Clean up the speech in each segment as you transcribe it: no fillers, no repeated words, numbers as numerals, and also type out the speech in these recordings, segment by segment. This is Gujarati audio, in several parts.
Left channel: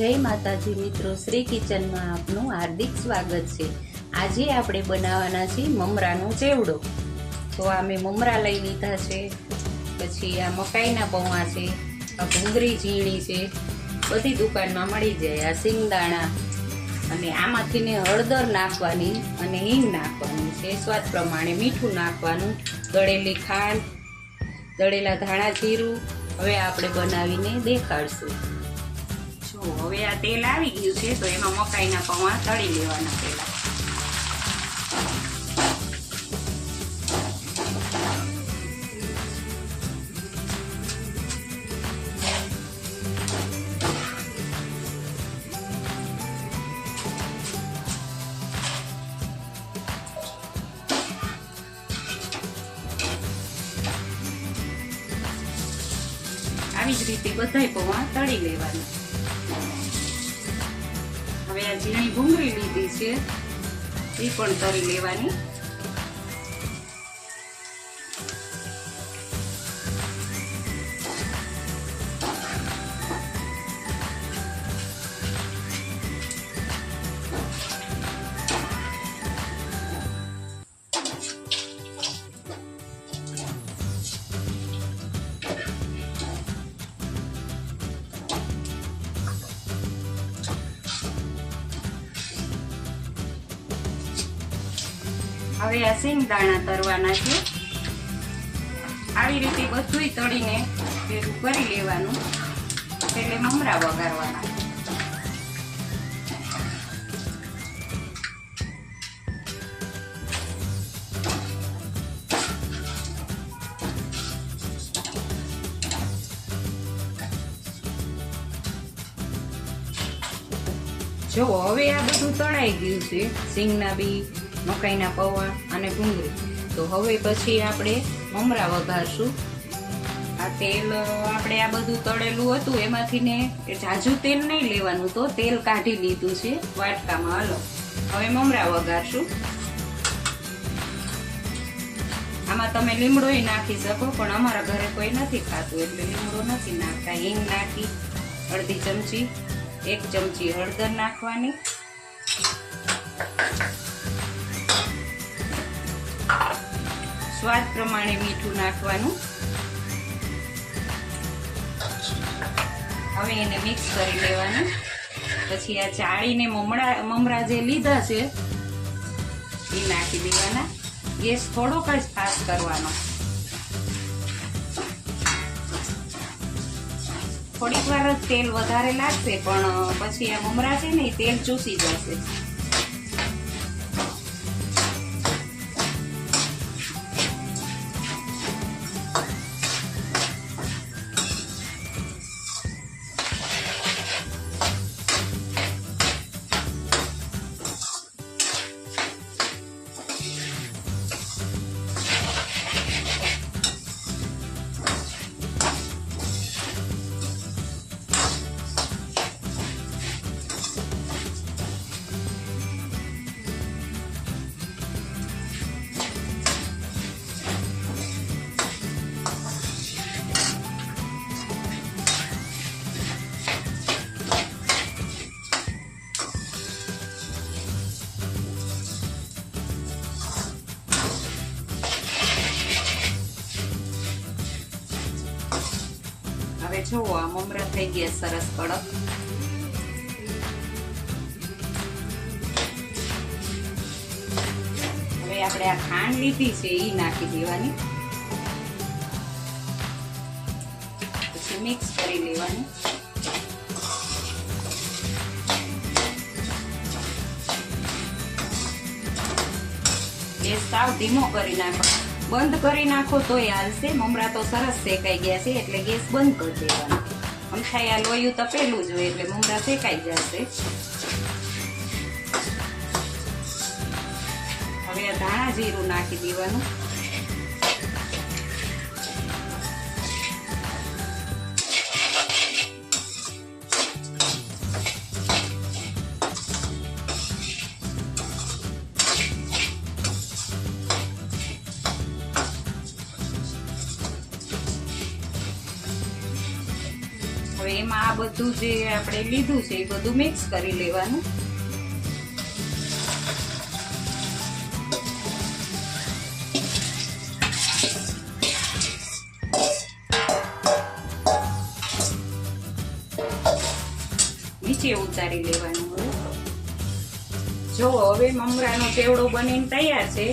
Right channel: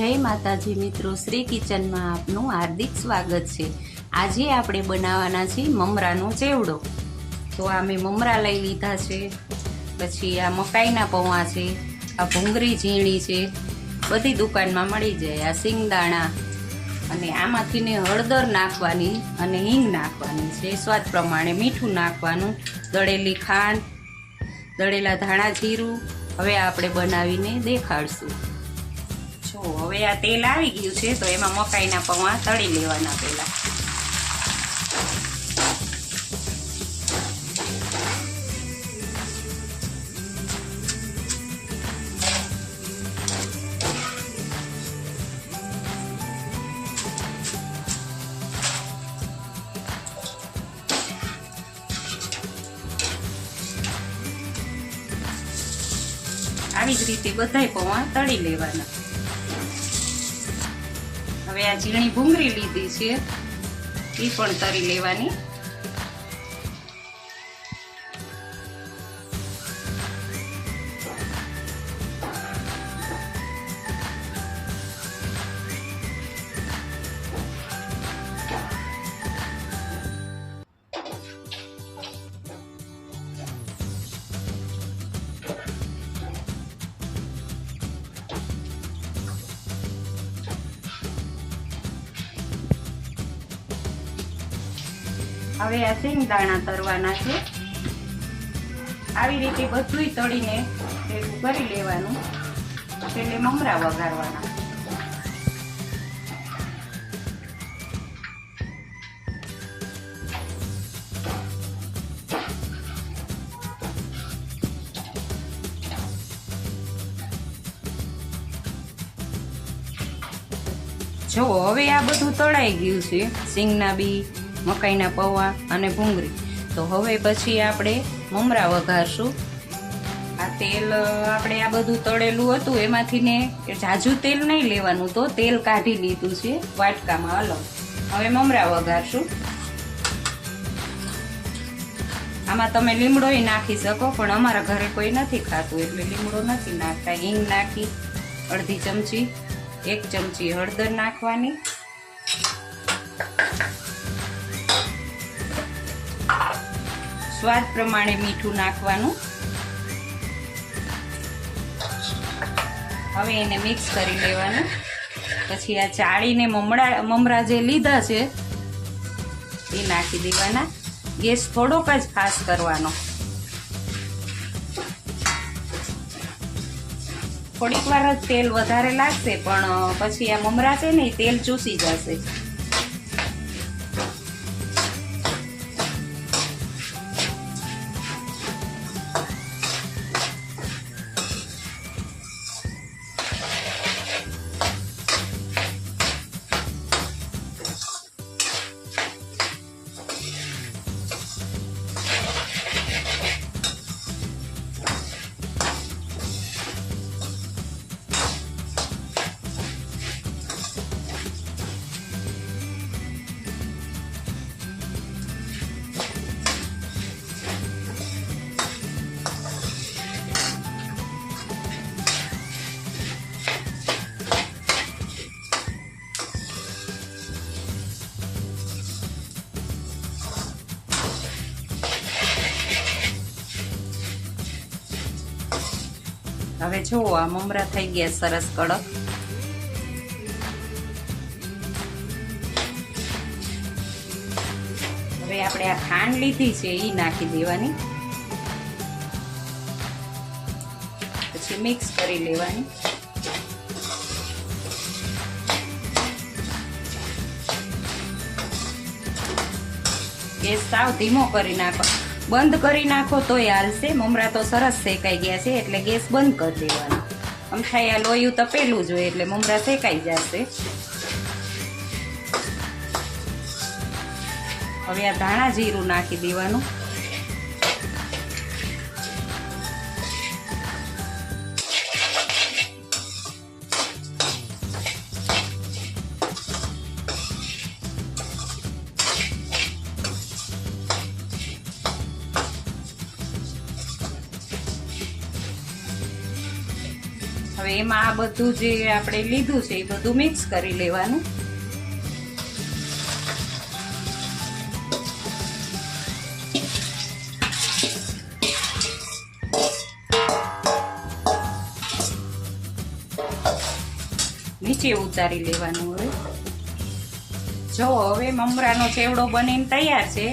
જય માતાજી મિત્રો, શ્રી કિચનમાં આપનું હાર્દિક સ્વાગત છે। આજે આપણે બનાવવાના છે મમરાનો ચેવડો। તો આ મેં મમરા લઈ લીધા છે, પછી આ મકાઈના પૌવા છે, આ ભૂંગળી ઝીણી છે, બધી દુકાનમાં મળી જાય। આ સિંગદાણા અને આમાંથી ને હળદર નાખવાની અને હિંગ નાખવાની છે, સ્વાદ પ્રમાણે મીઠું નાખવાનું, દળેલી ખાંડ, દળેલા ધાણા જીરું। હવે આપણે બનાવીને દેખાડશું। હવે આ તેલ આવી ગયું છે તો એમાં મકાઈના પૌવા તળી લેવાના પહેલા। આવી જ રીતે બધાય પૌવા તળી લેવાના। હવે આ ઝીણી ભૂંગળી લીધી છે એ પણ તળી લેવાની। હવે આ સિંગદાણા તરવાના છે। આવી રીતે બધુંય તળીને ભેગું કરી લેવાનું, એટલે મમરા વઘારવાના। જો હવે આ બધું તળાઈ ગયું છે, સિંગના બી, મકાઈના પૌવા અને ભૂંગળી। તો હવે પછી આપણે મમરા વઘારશું। આ તેલ આપણે આ બધું તળેલું હતું એમાંથી ને ઝાઝું તેલ નહીં લેવાનું, તો તેલ કાઢી લીધું છે વાટકામાં અલગ। હવે મમરા વઘારશું। આમાં તમે લીમડોય નાખી શકો, પણ અમારા ઘરે કોઈ નથી ખાતું એટલે લીમડો નથી નાખતા। હિંગ નાખી અડધી ચમચી, 1 ચમચી હળદર નાખવાની, સ્વાદ પ્રમાણે મીઠું નાખવાનું। હવે એને મિક્સ કરી લેવાનું। પછી આ ચાળીને મમરા જે લીધા છે એ નાખી દેવાના। ગેસ થોડોક જ ફાસ્ટ કરવાનો। થોડીક વાર જ તેલ વધારે લાગશે, પણ પછી આ મમરા છે ને એ તેલ ચૂસી જશે। હવે જો આ મમરા થઈ ગયા સરસ કડક। હવે આપણે આ ખાંડ લીધી છે એ નાખી દેવાની, પછી મિક્સ કરી લેવાની। ગેસ સાવ ધીમો કરી નાખો, બંધ કરી નાખો તોય હાલશે। મમરા તો સરસ શેકાઈ ગયા છે એટલે ગેસ બંધ કરી દેવાનો। અમથાઈ આ લોયું તપેલું જ હોય એટલે મમરા શેકાઈ જશે। હવે આ ધાણા જીરું નાખી દેવાનું। હવે એમાં આ બધું જે આપણે લીધું છે એ બધું મિક્સ કરી લેવાનું. નીચે ઉતારી લેવાનું. હવે જો હવે મમરાનો ચેવડો બનીને તૈયાર છે.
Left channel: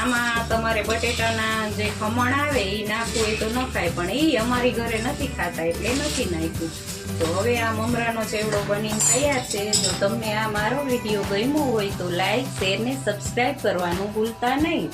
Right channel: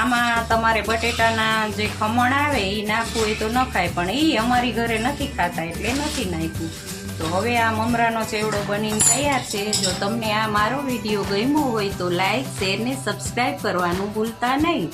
આમાં તમારે બટેટાના જે ખમણ આવે એ નાખવું હોય તો નખાય, પણ એ અમારી ઘરે નથી ખાતા એટલે નથી નાખ્યું. તો હવે આ મમરાનો ચેવડો બનીને તૈયાર છે. જો તમને આ મારો વિડીયો ગમ્યો હોય તો લાઈક, શેર ને સબસ્ક્રાઈબ કરવાનું ભૂલતા નહીં.